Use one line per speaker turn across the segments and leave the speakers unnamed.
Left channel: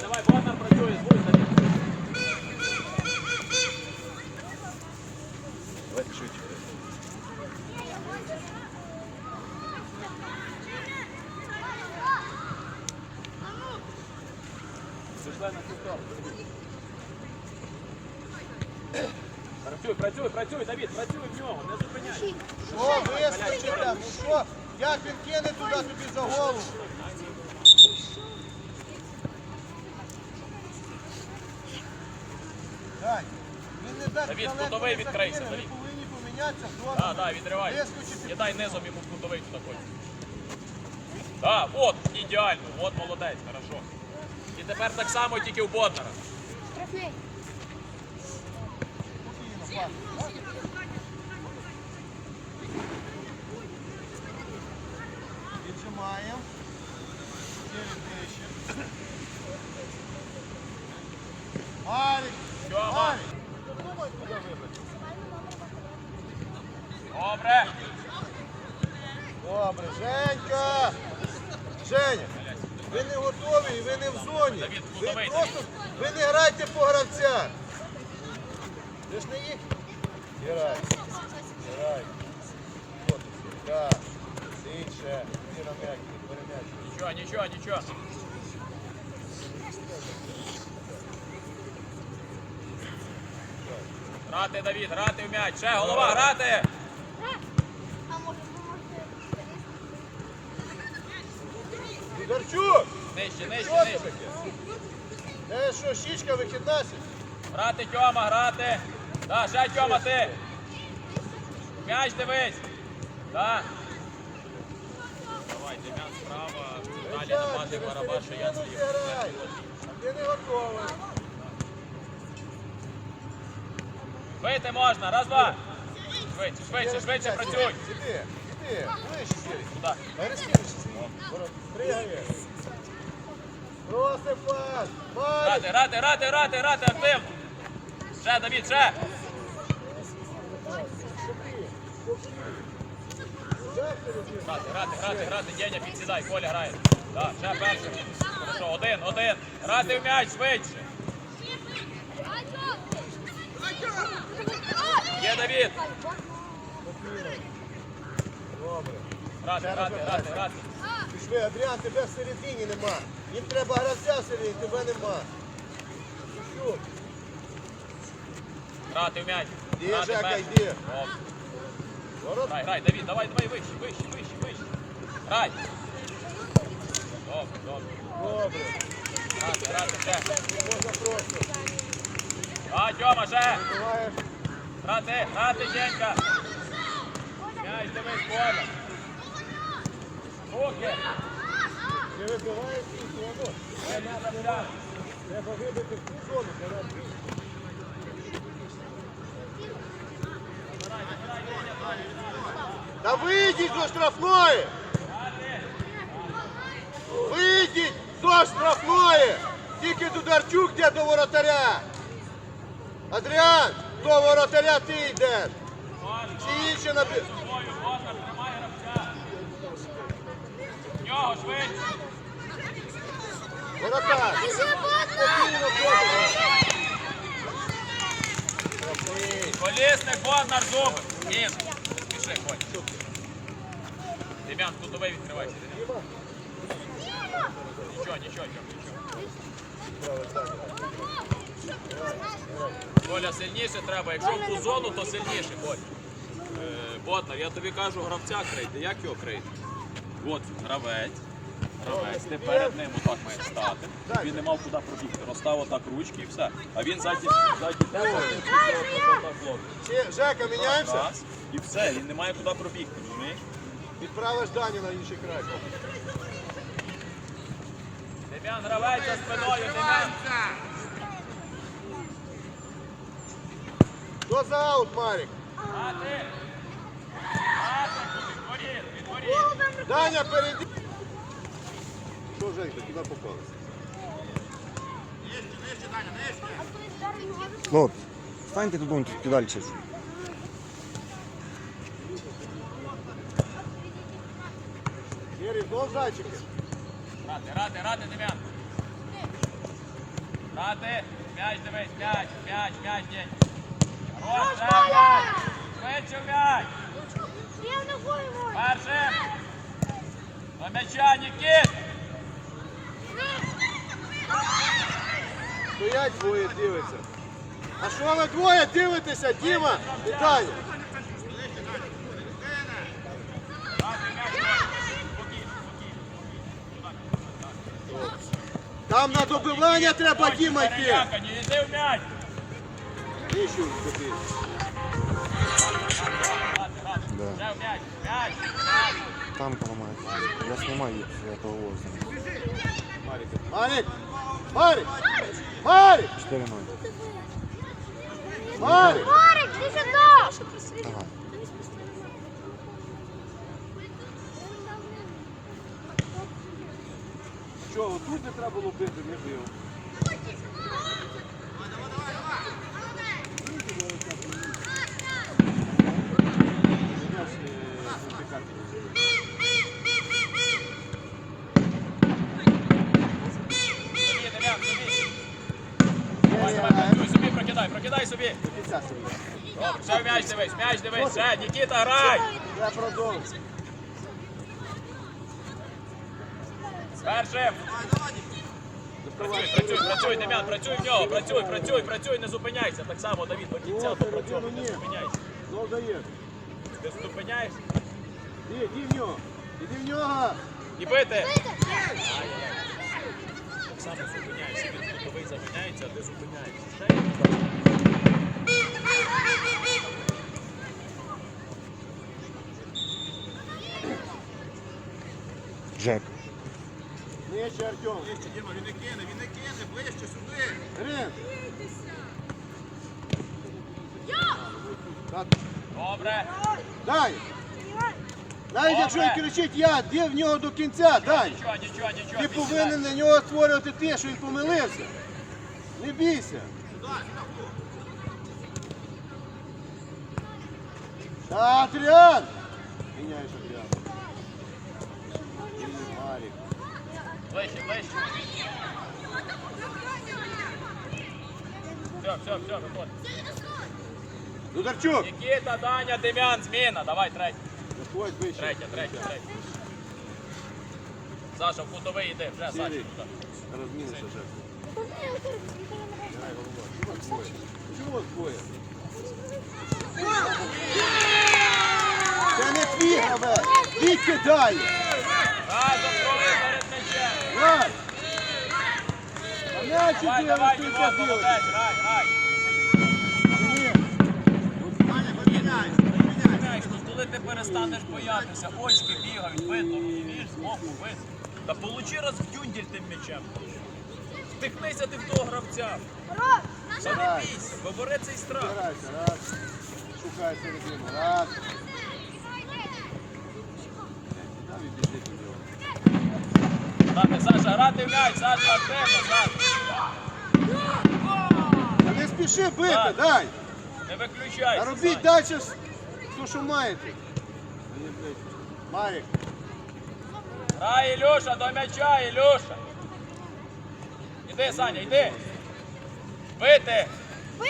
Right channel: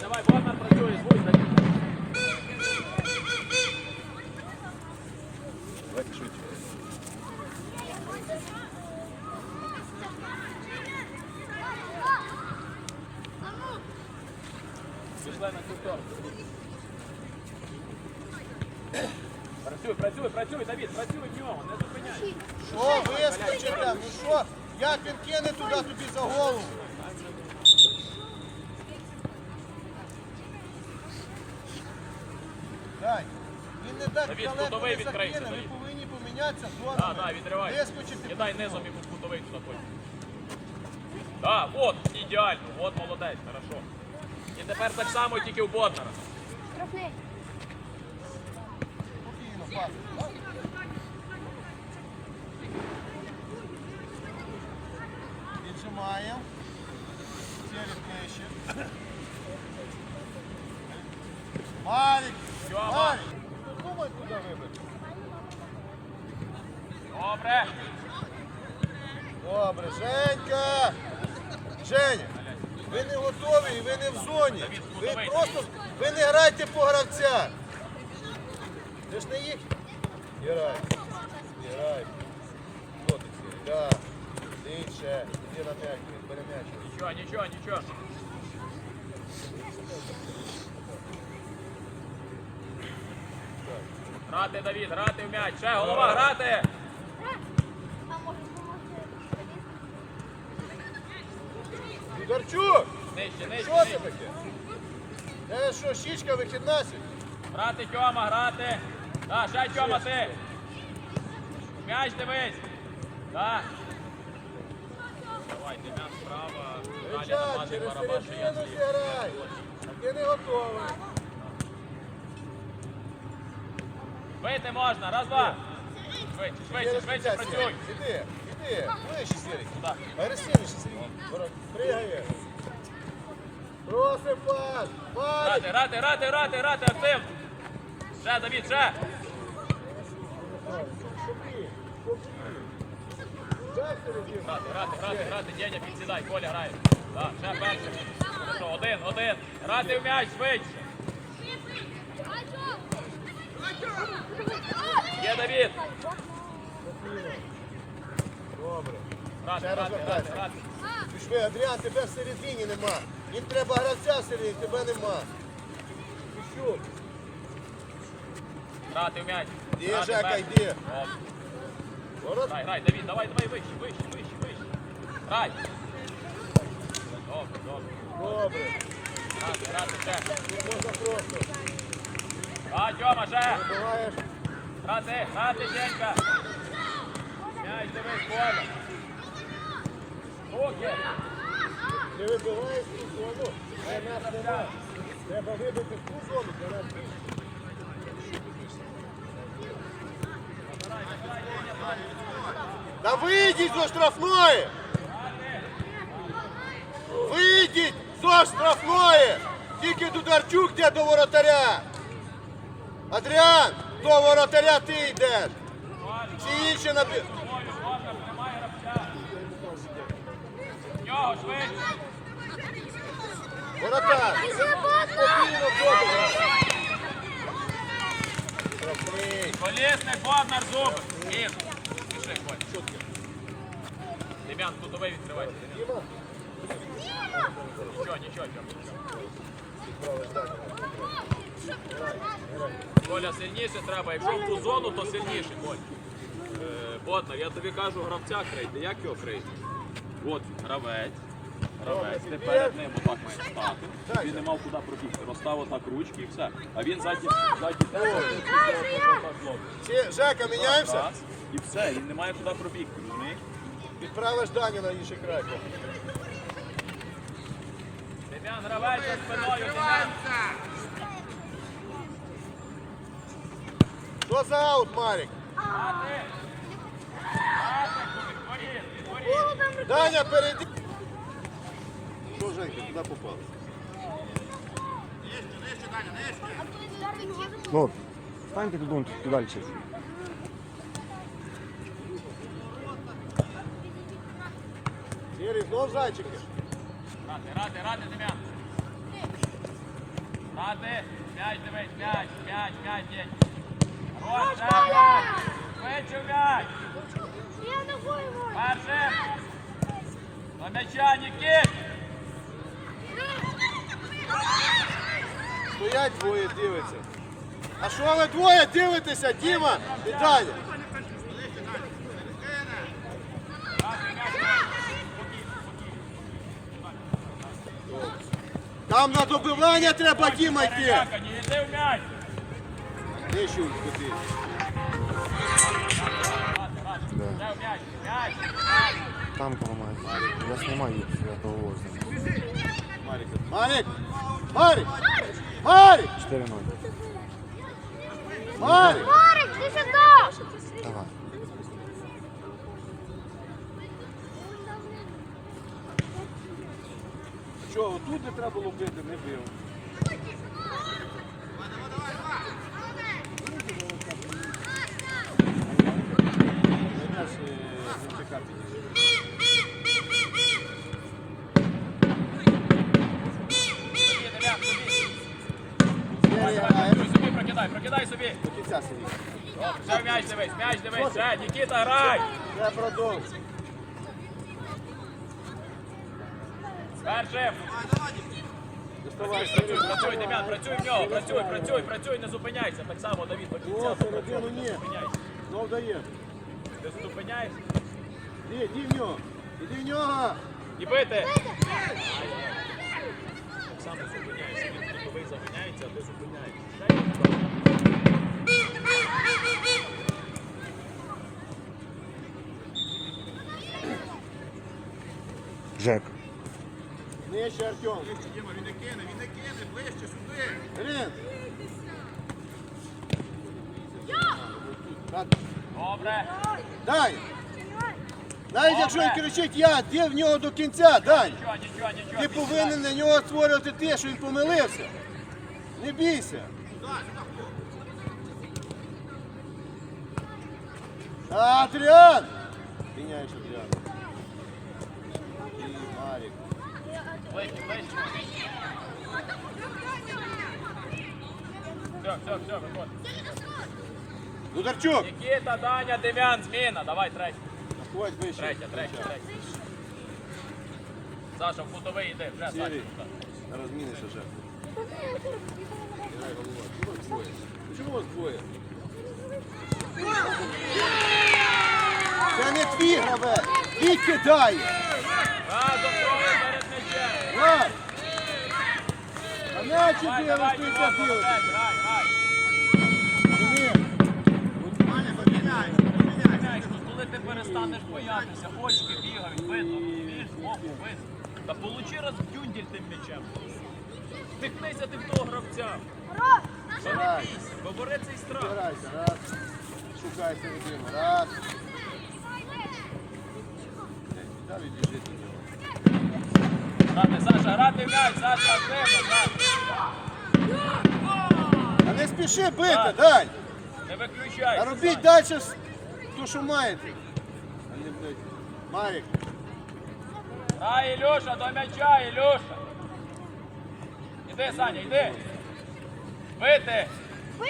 Давай, давай, Бондар працює, звук Давід.
Давайте швидше.
Пішла на цю сторону. Працюй, працюй, працюй, Давід, працюй в нього, не зупиняй.
Що, вискочи там, ну що? Як він кине туди тобі за голову? Дай. Далеко
кутовий відкрийся,
Ми повинні помінятися.
Так, так, відривай.
Кидай
Не дай низом йому кутовий туди. Да, от, ідеально, от молодець, хорошо. І тепер так само, тільки у Боднара.
Трофей.
спокійно, пас. Віджимаємо. Через ближче. Марик,
Тьома.
Марик.
Добре.
Добре, Женька! Женя, ви не готові і ви не в зоні. Ви просто ви не грайте по гравцях. Ви ж не їх. Грай. Грай. Перем'яч.
Нічого, нічого, нічого. Грати, Давід, грати в м'яч. Ще голова, грати.
Дударчук!
Нижче, нижче,
Що це
нижче.
таке? Це що, щічка вихідна? сьогодні?
Грати, Тьома, грати. Да, ще Тьома ти. М'яч дивись. Да. Давай, Дем'ян справа. Далі
Звичайно,
намажи
через
барабан, я
середину
зліва.
зіграй. А ти не готовий.
Вийти можна, раз, два. Швидше, швидше, швидше працюй.
Іди, іди, ближче. Агресивніше Сергій. Пригає. Просив пас.
Грати, грати, грати, грати, грати, Артем. Ще, Давід, ще. Грати, грати, грати, грати, Деня, підсідай, Коля грає. Так, ще перший. Хорошо, один, один. Грати в м'яч, швидше. Є Давід.
Добре.
Грати, грати, грати, грати.
Пішли, Адріан, тебе в середині нема. Їм треба гравця в середині, тебе нема. Пішов.
Грати в м'яч.
Є,
Грати
Жека,
перший.
йди.
Добре.
Ворот.
Грай, Давід, давай, давай, вище, вище, вище, вище. Грай. Добре, добре.
Добре.
Грати, грати, ще.
Можна просто.
А, Тьома, ще.
Буваєш.
Грати, грати, Денька. М'яч дивись, Коля.
Та вийдіть зо штрафної! Вийдіть зо штрафної! Тільки Дударчук йде до воротаря! Адріан, до воротаря ти йдеш! Всі інші набі...
Пішли, Коль. Дем'ян, кутовий відкривайся. Дем'ян. Нічого, нічого, нічого. Коля, сильніше треба. Якщо в зону, то сильніше, Коль. Е, я тобі кажу, гравця крийте. Як його крийти? От гравець. Гравець, ти перед ним отак маєш стати. Щоб він не мав куди пробігти. Розстав отак ручки і все. А він ззаді, ззаді тебе,
Жека, міняємося?
Раз, і все, він не має куди пробігти, розумієш?
Відправиш Даню на інший край.
Дем'ян, за спиною. Дем'ян.
Що за аут, Марік?
А ти? А ти? Відворіт, відворіт.
Даня, перейди. Женька, куди попав?
Ну, станьте тут, вон, тут далі.
Сірий, знов зайчики.
Рати, рати, рати, Дем'ян. Грати. М'яч дивись, м'яч, м'яч, м'яч. Хорош, ще м'яч. М'яч.
Гою.
Перше. До м'яча, Нікіт.
Стоять двоє дивиться. А що ви двоє дивитеся, Діма і Даня? Там на добивання треба Діма йти.
М'яч.
Тобі.
Да. Там поломается. Я снимаю с этого воза.
Марик! Марик! Марик!
4-0.
Марик!
Марик, ти сюди.
Давай.
Що, отут не треба було бити, не бив.
Прокидай собі, прокидай, прокидай собі.
Кінця сидить.
Добре, ще в м'яч дивись, ще, Нікіта, грай. Першим. Працюй, працюй, працюй, Дем'ян, працюй в нього, працюй, працюй, працюй, не зупиняйся. Так само, Давід, до кінця попрацьовуй, не зупиняйся.
Ну, дає.
Ти зупиняєшся
Іди, іди в нього. Іди в нього.
і бити. Так само зупиняєшся, він зупиняється, а ти зупиняєшся.
Жек.
Нижче, Артем. Нижче, Діма, він не кине, він не кине, ближче сюди. Рин.
Добре.
Дай. Навіть якщо він кричить я, де в нього до кінця, дай.
Нічого, нічого, нічого.
Ти повинен на нього створювати те, що він помилився. Не бійся. Адріан! Міняєш Адріан. І Марік.
Ближче, ближче. Все, все, виходь.
Дударчук!
Нікіта, Даня, Дем'ян, зміна. Давай, третя.
Ходь вище.
Третя, третя, третя. Саша, в кутовий йди, вже, Саша.
Сірий. Розмінися ще. Двоє? Це не твій гравець. Ти кидає. Лав. А м'ячі
Давай,
дивись,
давай, перестанеш очки бігають, видно, віж, збоку, видно. Та получи раз в дюнділь тим м'ячем. Втихнися ти в того гравця. Та не бійся, цей страх.
Збирайся, раз. Шукай середину, раз.
Грати, Саша, грати м'яч, Саша, активно, Саша.
Та не спіши бити,
Так.
дай.
Не виключай.
А робіть далі те, що маєте. Марік,
Дай, Ілюша, до м'яча, Ілюша. Іди, Саня, йди. Бити.
Ви!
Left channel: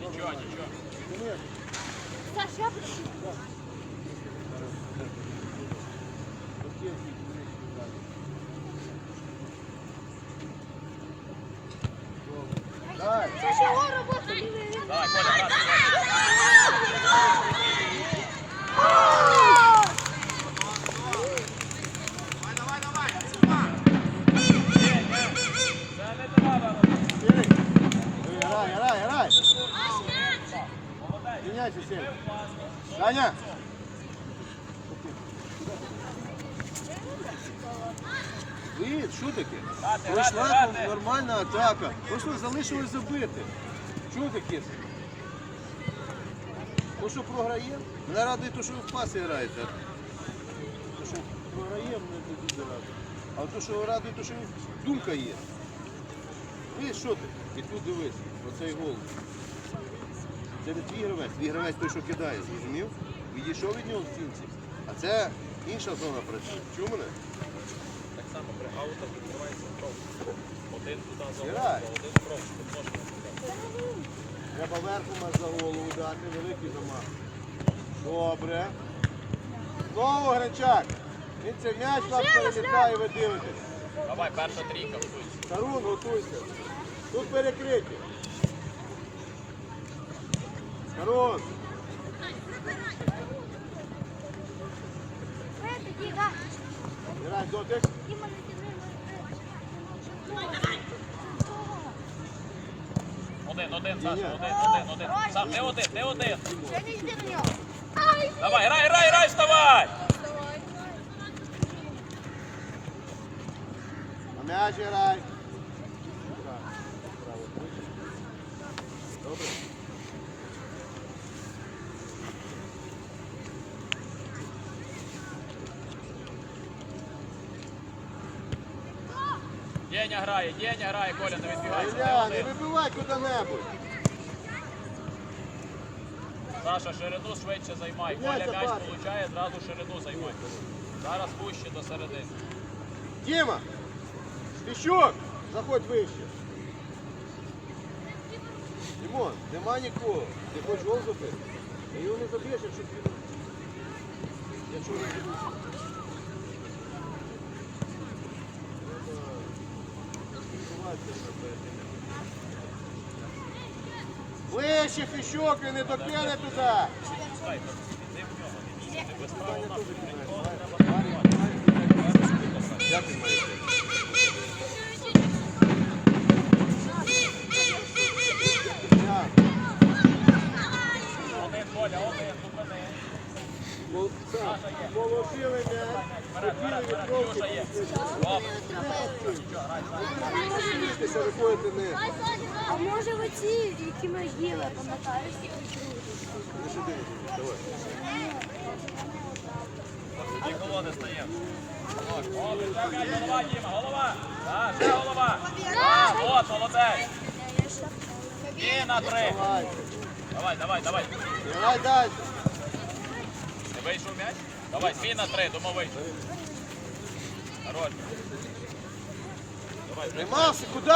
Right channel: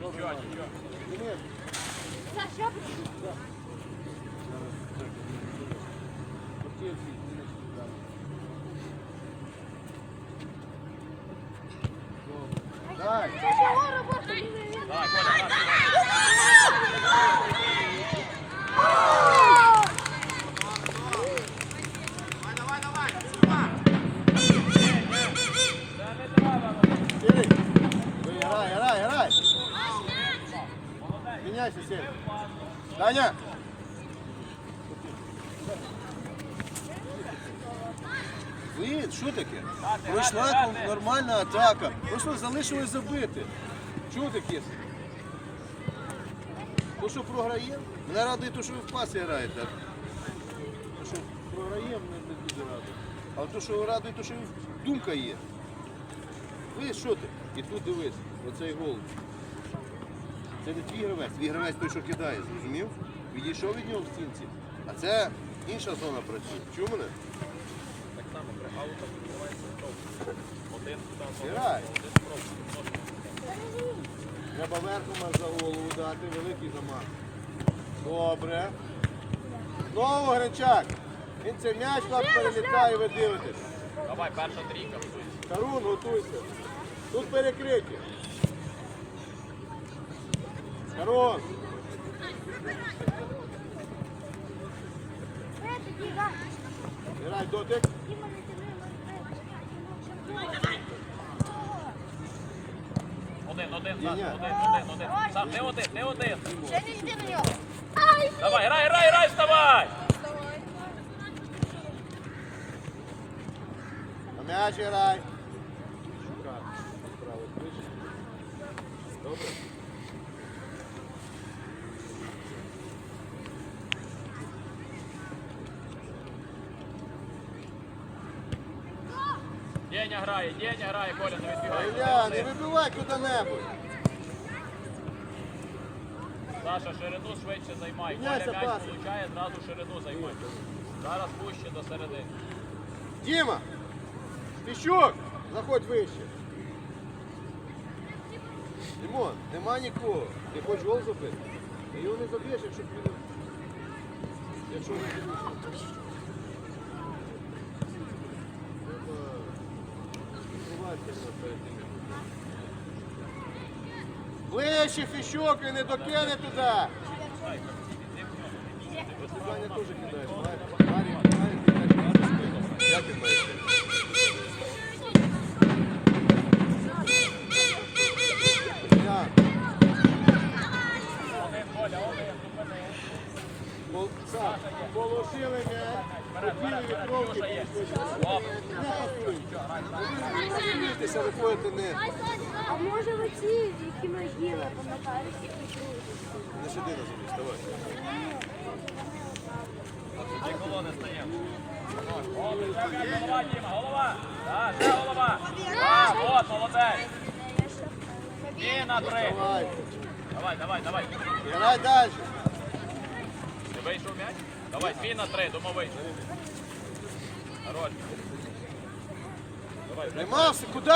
Нічого, нічого.
Да.
Саш, я прийшов.
Да. оці, Денис, далі. Добре. Дай.
Чого робити?
Давай, Коля, давай. Це не треба.
Сірий. Ой, Грай, грай, грай. Міняйся, Сірий. Даня. Ви, що таке? Пройшла нормальна атака. Ви що, залишилось забити? Чого таке? То, що програє, мене радує, то, що ви в пасі граєте. То, що програє, мене не дуже радує. А то, що радує, то, що думка є. Ви що ти? І тут дивись, оцей гол. Це не твій гравець, твій гравець той, що кидає, зрозумів? Відійшов від нього в стінці. А це інша зона працює. Чув мене?
Так само при аутах відкривається хто? Один туди,
Грай. Треба верхом за голову дати, великий замах. Добре. Знову Гринчак. Він цей м'яч нам перелітає, ви дивитесь.
Давай, перша трійка.
Тарун, готуйся. Тут перекриті. Грай дотик.
Один, один, Саш, один, один, один. Саш, не один, не один. Давай, грай, грай, грай, вставай!
На м'яч грай. Добре.
Деня грає, Деня грає, Коля, не відбігай.
Не вибивай куди-небудь.
Саша, ширину швидше займай. Коля м'яч получає, зразу ширину займай. Зараз пуще до середини.
Діма! Піщук! Заходь вище. Дімон, нема нікого. Ти хочеш гол забити? Та його не заб'єш, якщо він... Якщо не заб'єш. Ближче фіщок і не докине туди. Положили м'яч, побігли від кровки. Бійтеся, виходите не.
А може ви ці, які могили, пам'ятаєш?
Не сиди, давай.
Тоді колони стає. Голова.
Давай.
Давай, давай, давай.
Далі.
Ти м'яч? Давай, свій на три, вийшов. Хорош.
Нема, куди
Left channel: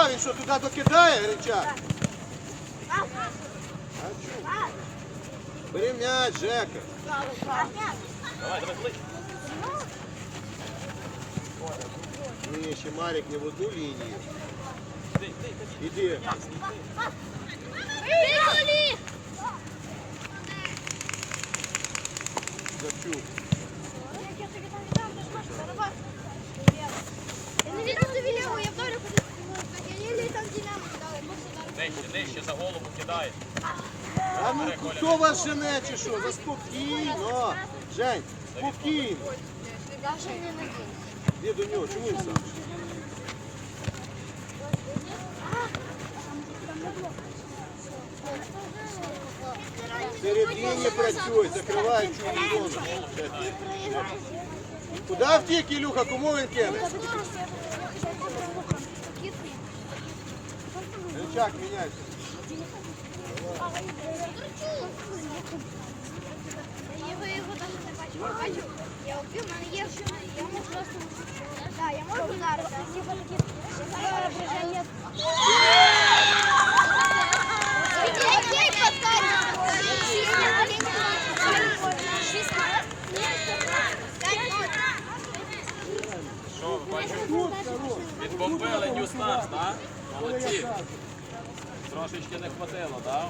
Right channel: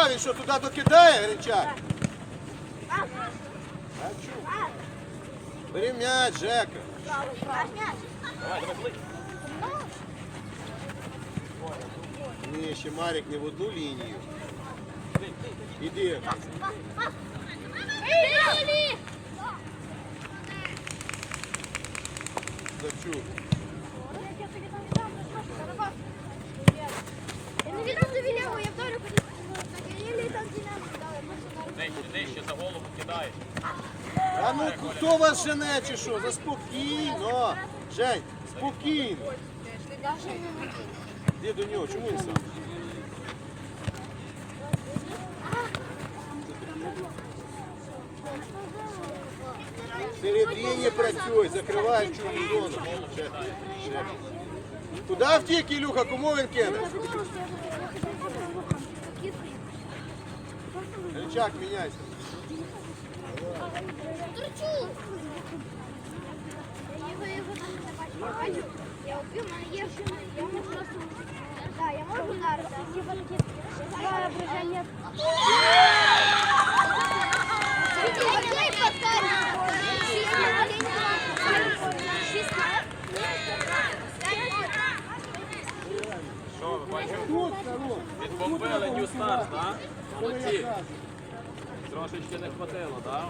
він м'яч, Жека.
Давай, давай, ближче.
Ні, ще Марік не в одну лінію. Іди.
Дали.
Нижче, нижче за голову кидає.
А ну хто вас жене чи що? Заспокійно. Жень, спокійно. Іди до нього, чому він сам? Середині працюй, закривай цю зону. Ще, ще. Куди втік, Ілюха? Кому він кине? Рычаг, міняйся.
Я його його навіть не бачу. Я можу просто... Так, я можу
відбомбили New так? Молодці. Трошечки не хватило, так?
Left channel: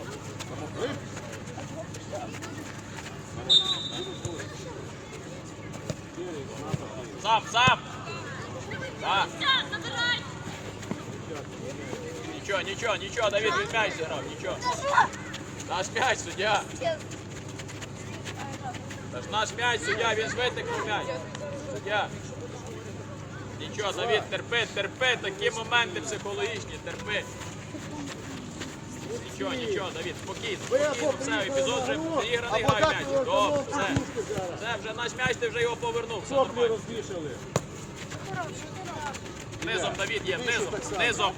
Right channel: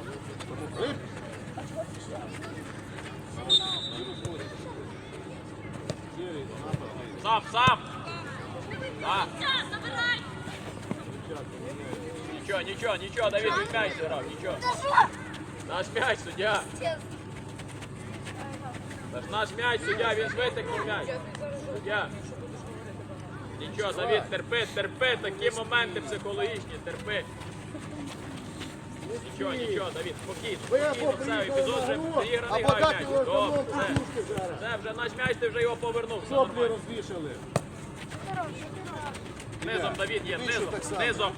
Сам! Так. Нічого, нічого, нічого, Давид, він м'яч зіграв, нічого. Наш м'яч, суддя. Наш м'яч, суддя, він ж витикнув м'яч. Суддя. Нічого, Давид, терпи, терпи, такі моменти психологічні, терпи. Нічого, нічого, Давид, спокійно,
Ви
спокійно,
приїхали
епізод вже
або
грай. Це вже наш м'яч, ти вже його повернув. Все
Соплі
нормально.
розвішали.
Низом, Давід, є,
Більше
низом,
так само.
низом.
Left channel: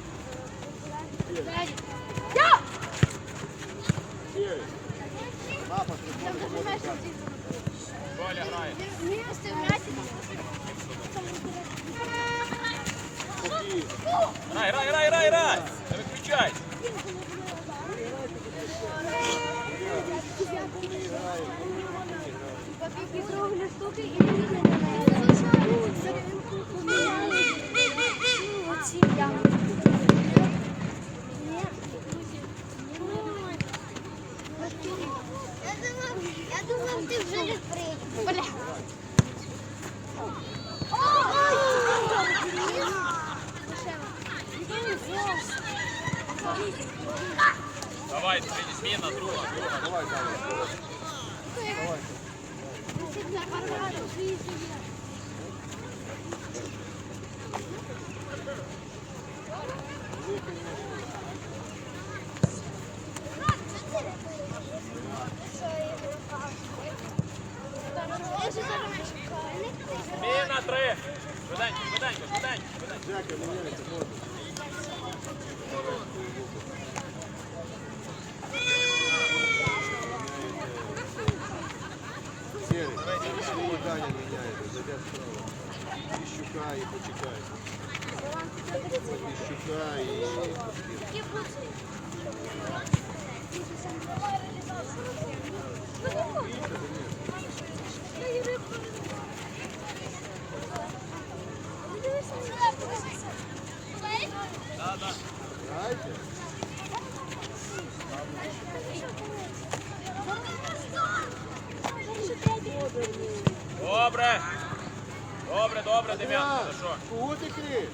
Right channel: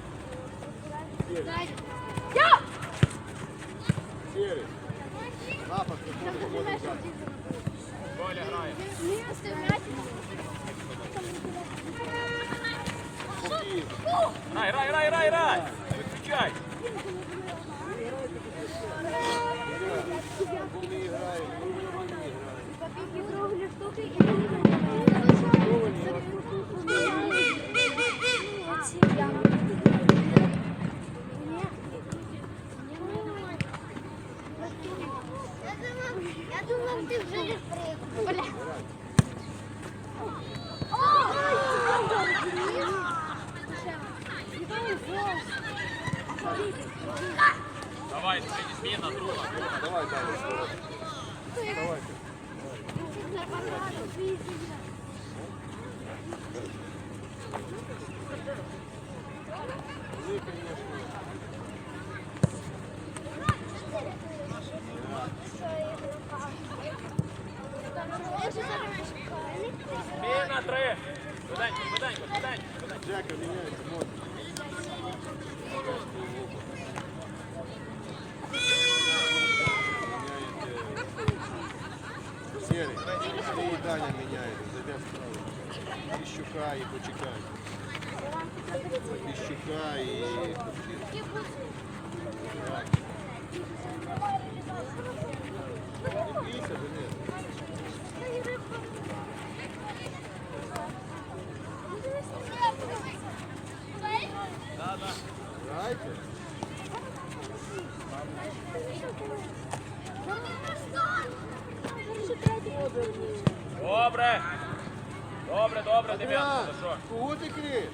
Сірий.
Коля грає.
Спокійно.
Грай, грай, грай, грай, грай. включай.
Я думав, я думав, ти вже не прийдеш.
Давай, зміна друга.
Давай далі.
Зміна
Пішли і Даня меняет. Піщука і почекай. Піщука і Грайте.
Добре. Добре, добре, Дем'ян.
Адриан,
Ти що?
кого ти криш?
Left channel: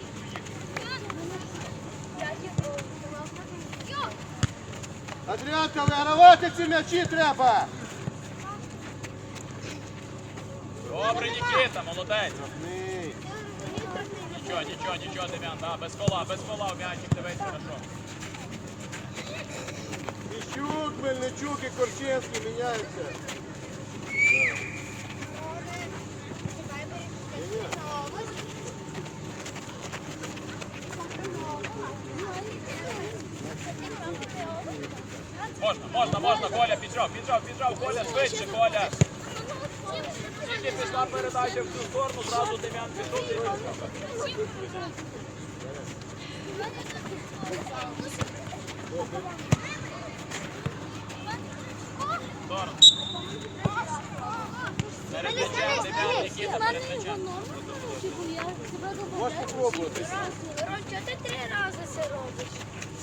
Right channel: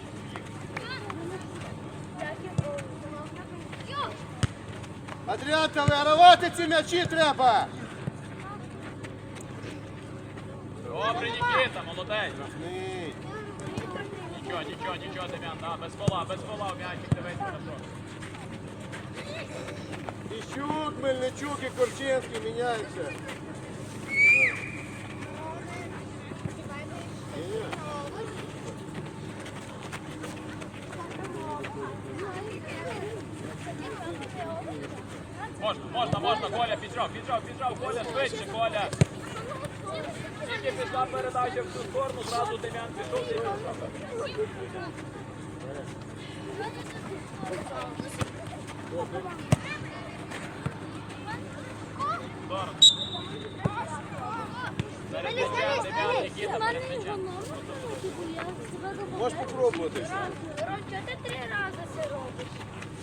Адріан, та вигравати ці м'ячі треба.
Добре, Нікіта, молодець. Нічого, нічого, нічого, Дем'ян, да, без кола, без кола м'ячик, дивись хорошо.
Міщук, Мельничук і Корчинський міняються.
Можна, можна, можна, Коля, піджав, піджав, піджав, Коля, швидше, Коля. Тільки пішла передача в цю сторону, зразу Дем'ян м'ячем.
Можеш попробувати.
Ром, ти три рази це робиш?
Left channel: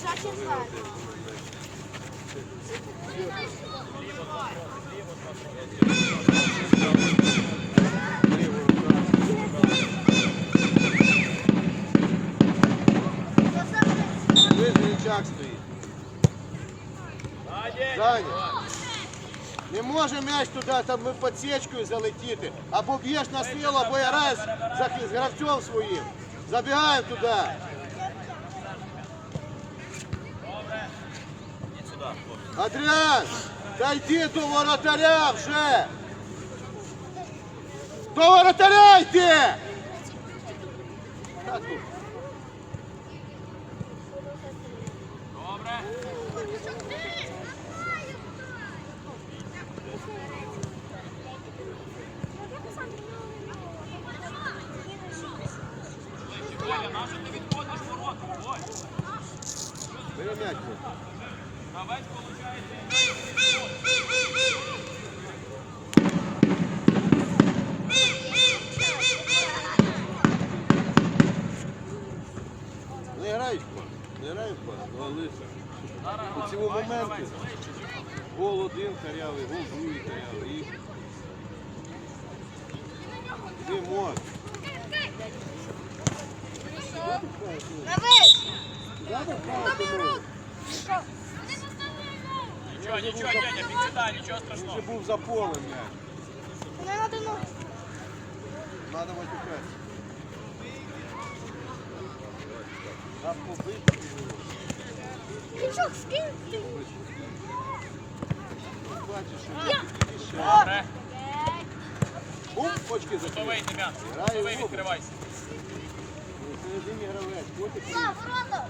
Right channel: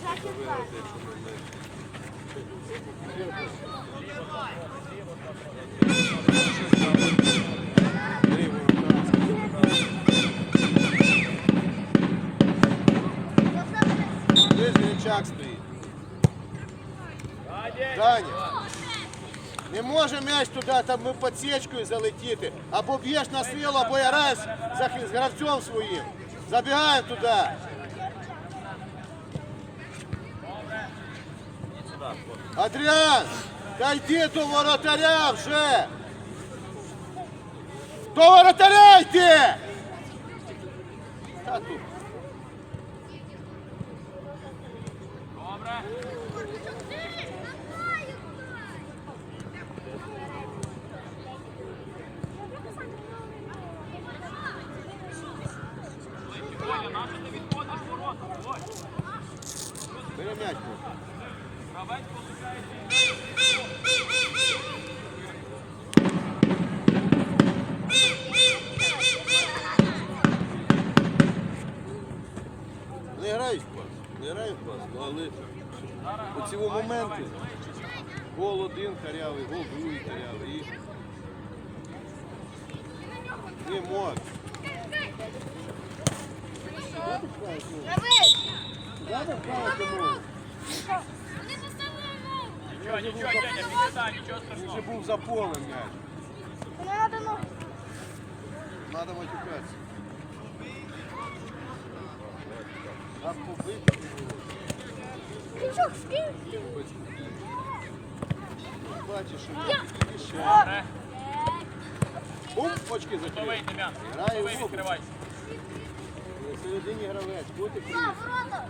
Що четверте?
Виж Гринчак стоїть. Даня. Не може м'яч туди, там ми підсічкою залетіти. Або б'єш на силу, або я раз з гравцем своїм. Забігаємо туди. Адріан, та йди до воротаря вже. До воротаря йди! Та ти.
Добре.
Бери м'яч.
Гравець получається.
Не грай в пас, не грай в пас, але у цього моменту гол один карявий, гол другий карявий. І не може.
Нічого, нічого, Деня, підсідай, нічого страшного.
вже був за полем
ну.
Надо матюкатися. Раз побити.
Пічок, скинь ти.
Бачиш, що більше.
Добре.
Оп, очки закрив.
Давай, Дем'ян. Давай, відкривайся.
Середині гравець. Тут і
А, ворота.